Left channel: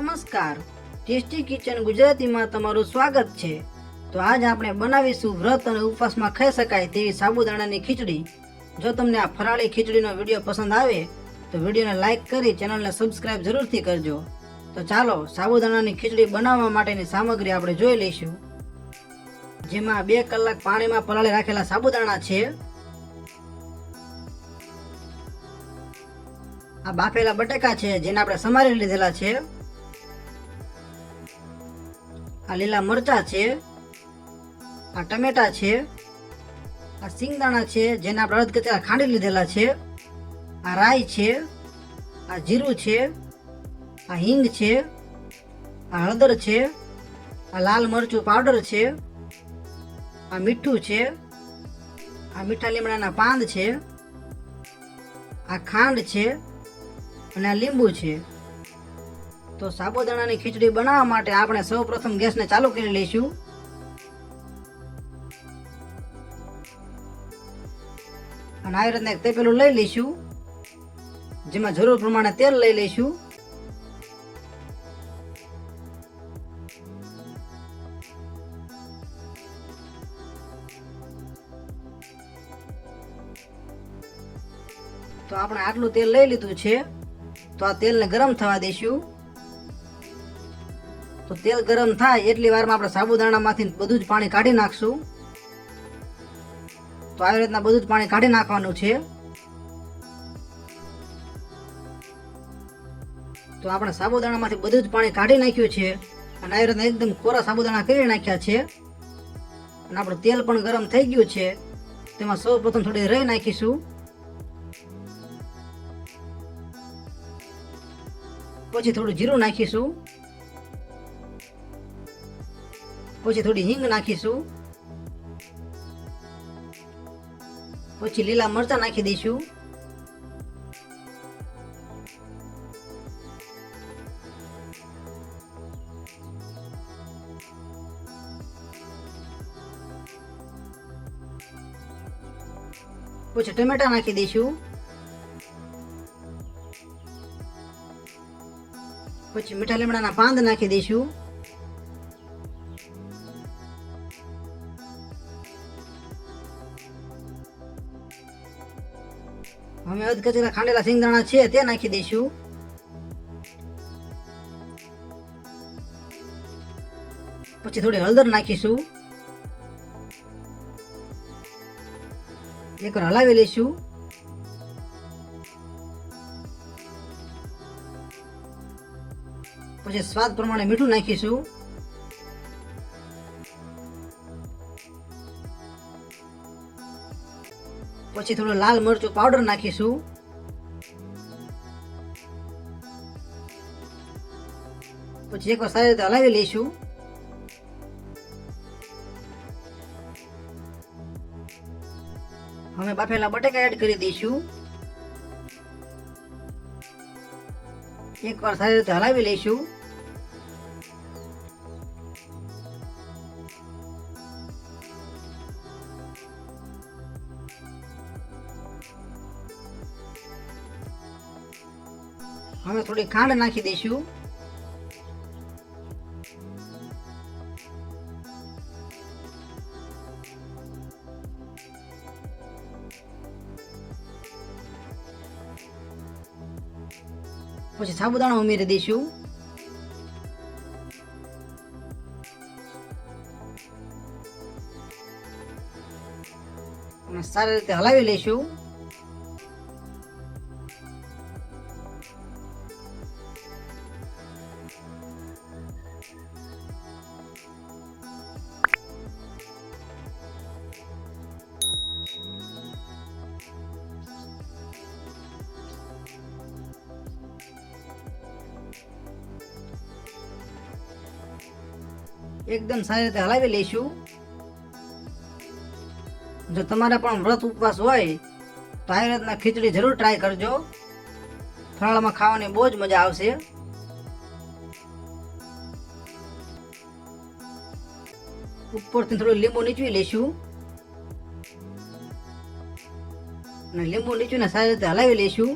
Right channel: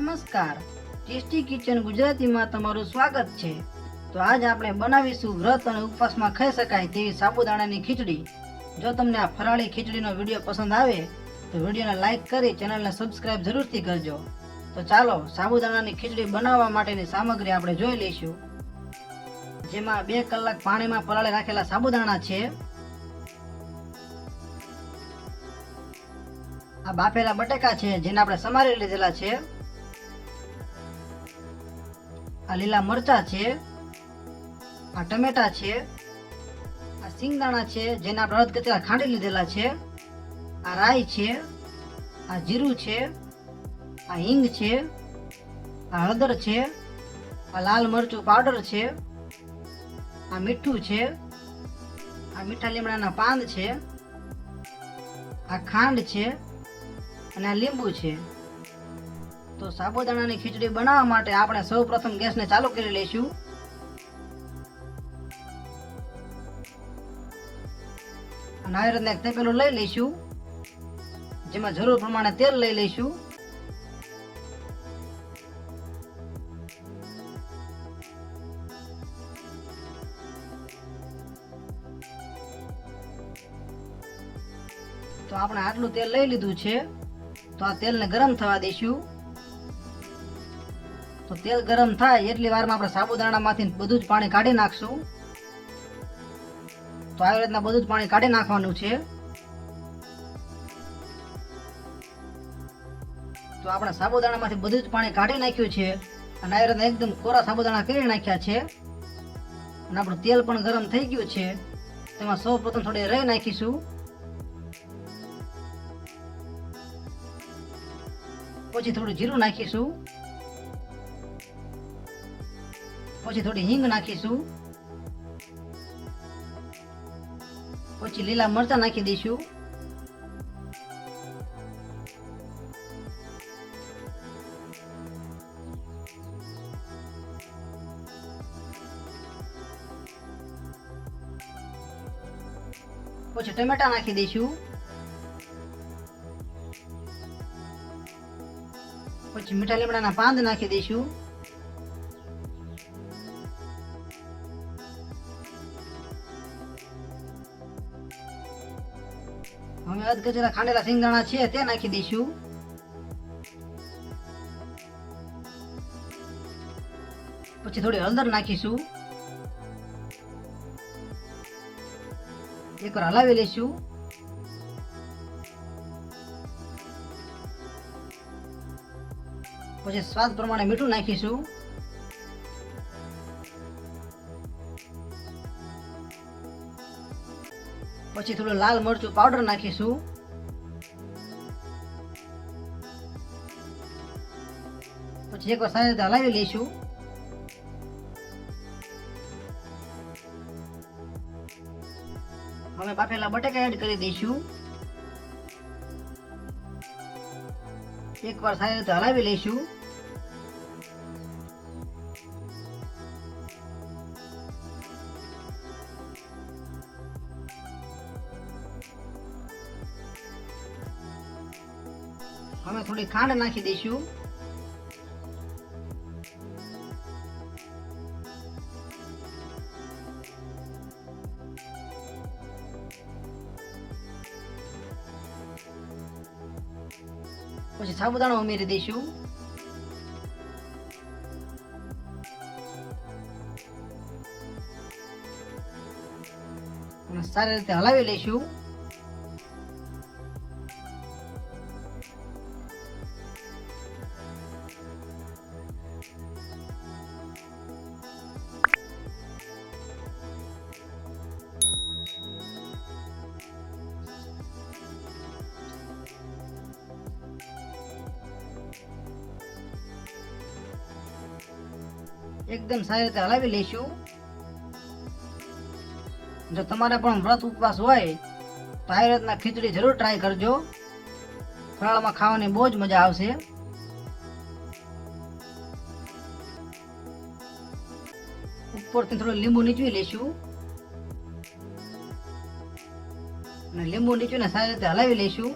નમસ્કાર tasty kitchen ગુજરાતીમાં તમારું સ્વાગત છે તો આજ આપણે બનાવીશું વ્રત અને ઉપવાસમાં ખાઈ શકાય તેવી સાબુદાણાની ખીચડી જો તમને આ ફરાળી ખીચડીનો વિડીયો પસંદ આવે તો વિડીયોને લાઇક કરી ચેનલને સબસ્ક્રાઇબ જરૂરથી કરજો તો ચાલો સાબુદાણાની ખીચડી બનાવવા માટેની સામગ્રી આપણે જોઈ લઈશું જેમાં બે કલાક પાણીમાં પલાળી રાખેલા સાબુદાણા છે આ બાફેલા બટેકા છે જેને આપણે સમારી લીધેલા છે આ લીલા મરચાં છે આ ટમેટા છે આ સિંગદાણા છે જેના આપણે અર્ધ કરતા ખાંડી લીધેલા છે આ રાઈ છે આ જીરું છે આ હિંગ છે આ હળદર છે આ લાલ મરચું પાવડર છે આ મીઠું છે આ મીઠા લીમડાના પાન છે આ ખાંડ છે અને આ લીંબુ છે તો સાબુદાણાની ખીચડી બનાવવા માટે આપણે સૌપ્રથમ ગેસને ચાલુ કરી લઈશું અને આવી રીતના તપેલું લઈ લઈશું જેમાં જરૂર પ્રમાણે તેલ લઈ લઈશું તો આપણે આટલું તેલ લઈ લીધું છે તો આ તેલને ગરમ થવા દઈશું તો તેલ ગરમ થાય એટલી વારમાં આપણે સાબુદાણામાંથી બધું જ પાણી કાઢી નાખશું તો આવી રીતના બધું જ પાણી કાઢી નાખવાનું છે તો આપણે સાબુદાણામાંથી બધું જ પાણી કાઢી નાખ્યું છે અને આ રીતના એકદમ ખોરા સાબુદાણા કરી નાખ્યા છે અને આપણું તેલ પણ ગરમ થઈ ગયું છે તેમાં સૌ પ્રથમ થોડી રહી નાખીશું પછી થોડું જીરું નાખીશું પછી થોડી હિંગ નાખીશું પછી લીલા મરચાં નાખી દઈશું પછી ટમેટા નાખી દઈશું પછી મીઠા લીમડાના પાંદ નાખી દઈશું અમે અધ ખાંડેલા સિંગદાણા છે તે નાખી દઈશું પછી થોડી હળદર નાખીશું એકવાર હલાવી લઈશું પછી સ્વાદ પ્રમાણે મીઠું નાખીશું પછી થોડું લાલ મરચું પાવડર નાખીશું પછી એકવાર સારી રીતે હલાવી લઈશું અમે બાફેલા બટેકા એડ કરી દઈશું એકવાર સારી રીતે હલાવી લઈશું હવે થોડી ખાંડ નાખી દઈશું પછી સાબુદાણા ઉમેરી દઈશું સારી રીતે હલાવી લઈશું એકદમ સારી રીતે હલાવી લઈશું જો તમારે પણ વ્રત ઉપવાસ હોય તો આ રીતના ખીચડી જરૂર ટ્રાય કરજો ફરાળમાં ખાવાની બહુ જ મજા આવશે ઉપરથી થોડું લીંબુ નીચવી લઈશું અને લીંબુ નીચવીને સારી રીતે હલાવી લઈશું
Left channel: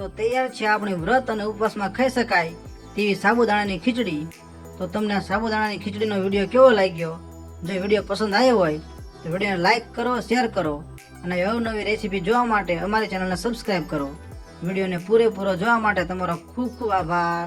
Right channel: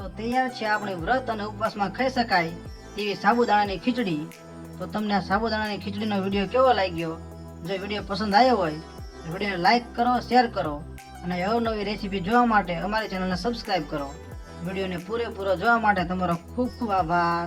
તો તૈયાર છે આપણે વ્રત અને ઉપવાસમાં ખાઈ શકાય તેવી સાબુદાણાની ખીચડી તો તમને આ સાબુદાણાની ખીચડીનો વિડીયો કેવો લાગ્યો જો વિડીયો પસંદ આવ્યો હોય તો વિડીયોને લાઇક કરો શેર કરો અને નવી રેસીપી જોવા માટે અમારી ચેનલને સબસ્ક્રાઈબ કરો વિડીયોને પૂરેપૂરો જોવા માટે તમારો ખૂબ ખૂબ આભાર